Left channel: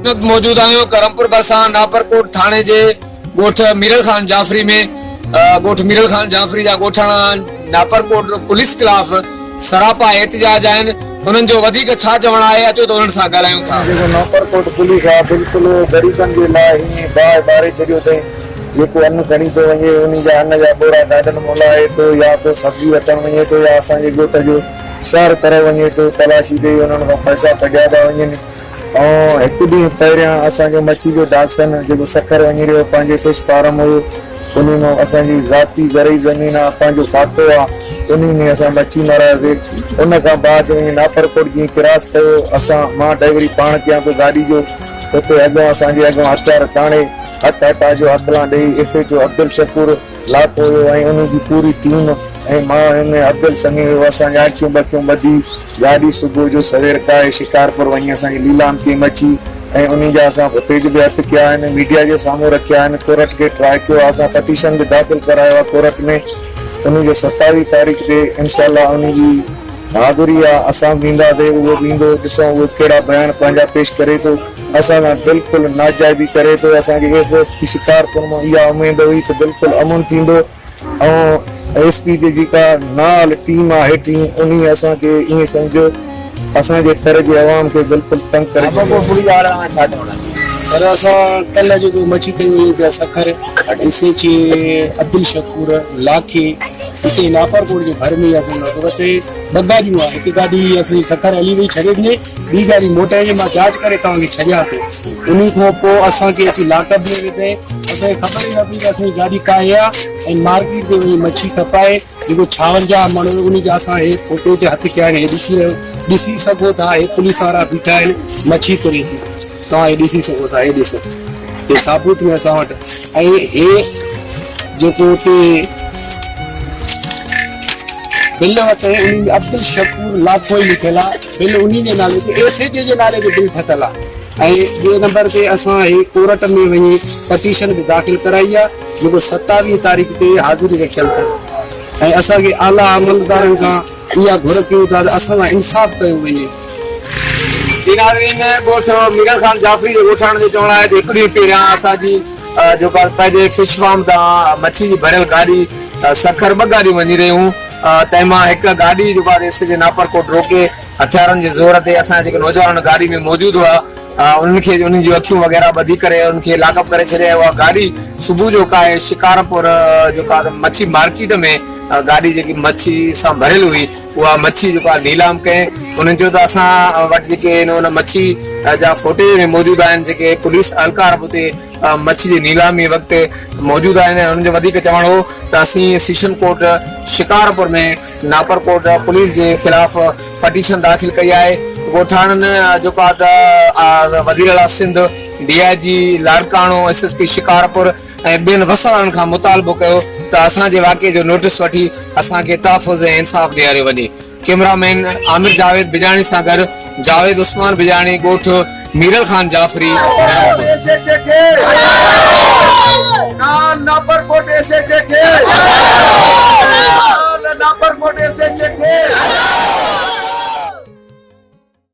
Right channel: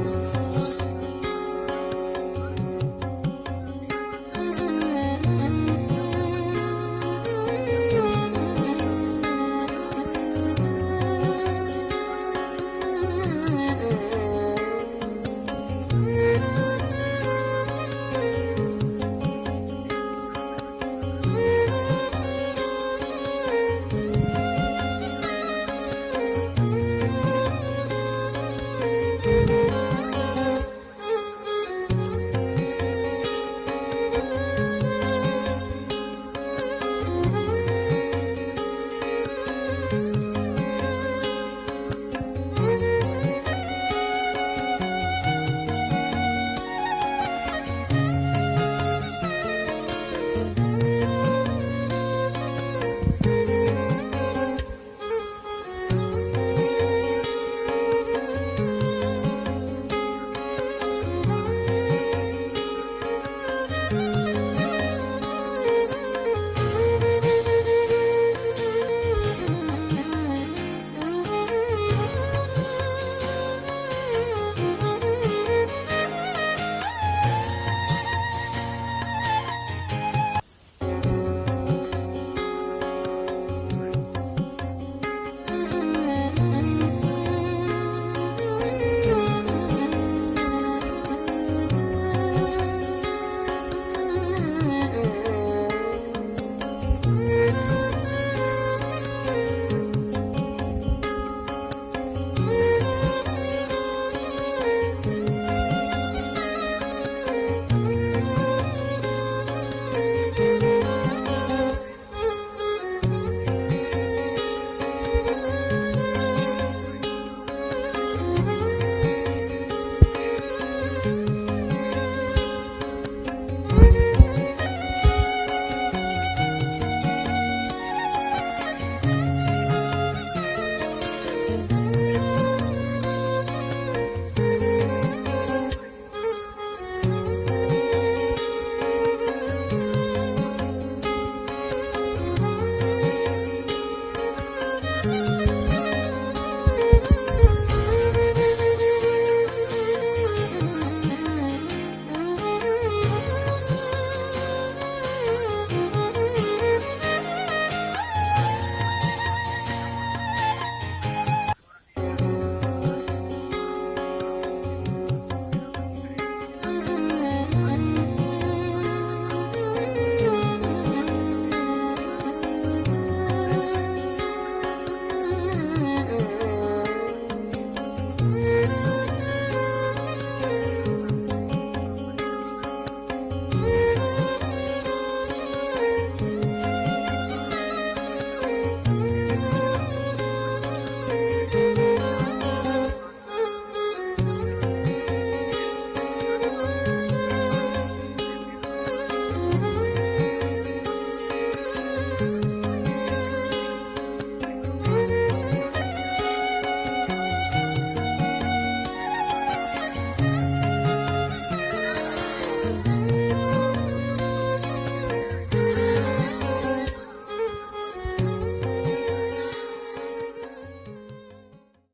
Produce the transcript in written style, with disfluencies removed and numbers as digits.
मौजूद आहियूं करमपुर बरसां नापरकोट थाने जे ॻोठ मीरल खान जाफरी में ॻोठ मीरल खान जाफरी जा ॻोठाणा नापरकोट पुलिस खिलाफ़ सरापा एहतिजाज आहिनि। उन्हनि जो वधीक छा चवणु आहे, अचो त उन्हनि सां ॻाल्हायूं था। नापरकोट पुलिस आहे बिल्कुलु ग़रीबनि जे लाइ हीअं बाहि बारे छॾियो अथई। जेको अन्न खणी थो वञे उन जा अन्न जा बोरा गाॾियुनि मोलाए थो, या तो सब्जी वठणु वञे थो, या असांजे ॻोठ जो सैर करे वञे थो, तलाशी ॾेई उन्हनि खां पैसा कढिया था वञनि। ऐं हिकु ॾींहुं पहिरियां असांजो मच्छी जो डाक्सन जेको सखर वञी रहियो पंहिंजे फिश फार्म हुयो, उन में असांजी ज़ाती ज़रई ज़मीन आहे, पंहिंजो खातो आहे, उन में असां मच्छी मारियासीं। उन खां बाद नापरकोट जीअं क्रॉस कयो, असां मां ड्राइवरी पाण कयां पियो गाॾी जो, उते अॻियां असांजे अॻियां हथियार ताणे हथ हटा जो हथला ॾेई एस एच ओ अब्दुल शकूर लाथो हुयो ऐं उनजी पूरी टीम ऐं मां हिन अब्दुल संगे हुयो। असांजा अखियूं बखियूं ॿधी गाॾी सुबुह जो सवेर काए शिकारपुर वञी असांजी लीलाम कई मच्छी ऐं उन जा असां फुटेज बि हथ कया आहिनि, मीडिया जे साम्हूं रखिया आहिनि। कोर्ट खे ट्राए कयो आहे, असां पटिशन बि दाख़िल करायो आहे कोर्ट में। उनजो 27 तारीख़ ते इंशाअल्लाह उनजी हाज़िरी आहे, असां वेंदासीं, उहो वेंदो, ॾिसूं उहो कहिड़ा बयान पंहिंजा पेश करे थो। असां सां बिल्कुलु नाजाइज़ी करे थो। असांखे एसएसपी शिकारपुर मां इहा उमेद हुई त बिल्कुलु अमन थींदो ऐं एसपी जी जेका नाल टीम आहे हेठि उन असांखे ईअं सम्झो असांजे घर जे आवाम खे बिल्कुलु तंग करे। पर असां कल्ह जेको मच्छी कई हुई पिया सखर एस अब्दुल शकूर लाखे हिते नापरकोट जे घर में असां सूरत ॿ गाॾियूं आहे। हिकु गाॾी असांजी सखर हली वई छॾे ॾिने, ॿी गाॾी मोटाए मां जांच करे तव्हांखे छॾियां थो। उन खां पोइ असांखे अची लाकअप में विधे, असांखे ख़बर ई न पई त असांजी गाॾी काहे आहे ऐं मार्केट ते वञी मच्छी खपाए जेको 56 माण्हू उन जा असां हे फोटो ते हथ कया आहिनि, ॾिसी सघो था। हे पुलिस वारा बीठा आहिनि, मच्छी तुरी तव्हां हे ॾिसी सघो था, हे ॾिसो हे साबुत में असां वटि। ऐं हे जेको हुते बिल वरिते अब्दुल शकूर लाखो ई लिखियल आहे, बिल उन जे नाले ते एस एच जे नाले ते बिल ठहियल आहे। ऐं ॿिए नंबर ते असां हे कोर्ट में वञी पटिशन बि दाख़िल कराई आहे, जेको 27 तारीख़ ते हाज़िरी रखियल अथव। ऐं असांखे आला अमलदारनि खां इहा घुर कयूं था त असां सां इंसाफ़ कयो वञे। ॻोठ मीरल खान जाफरी जे ॻोठाणे जो चवणु आहे त हिकु ॾींहुं पहिरियां असांजी जेका पंहिंजे फिश फार्म तां मच्छी जी भरियल गाॾी सखर 2 गाॾियूं वञी रहियूं, तंहिंमां हिकु गाॾी जेका एस जे नापरकोट रोके हथियारनि जे ज़ोर ते असांजा जेके नौजवान गाॾी में मौजूदु हुआ उन्हनि खे उन्हनि जूं अखियूं वग़ैरह ॿधी करे उनखे लाकअप करे छॾिया। उहा गाॾी सुबुह जो काए शिकारपुर जेका मच्छी मार्केट में गाॾी जेकी मच्छी सां भरियल हुई उहा मच्छी जेका नीलाम कयईं। उन्हनि जो त असां वटि जेके उन मच्छी जा फोटेज में मौजूदु आहिनि, जेके पुलिस अहलकार हुते मच्छी जी नीलामी वक़्तु मौजूदु आहिनि। उन्हनि जो वधीक चवणु हो त असीं सेशन कोर्ट शिकारपुर में नापरकोट पुलिस जे ख़िलाफ़ पटिशन दाख़िल कई आहे। ॻोठाणनि जेका त वज़ीर आला सिंध DIG लाड़काणो SSP शिकारपुर ऐं ॿियनि वसाड़नि खां मुतालबो कयो त असांजे वाक़े जो नोटिस वठी असांखे तहफ़ुज़ ऐं इंसाफ़ ॾियारियो वञे। कैमरामैन आमिर जावेद बिजाणी सां गॾु जावेद उस्मान बिजाणी, ॻोठ मीरल खान जाफरी।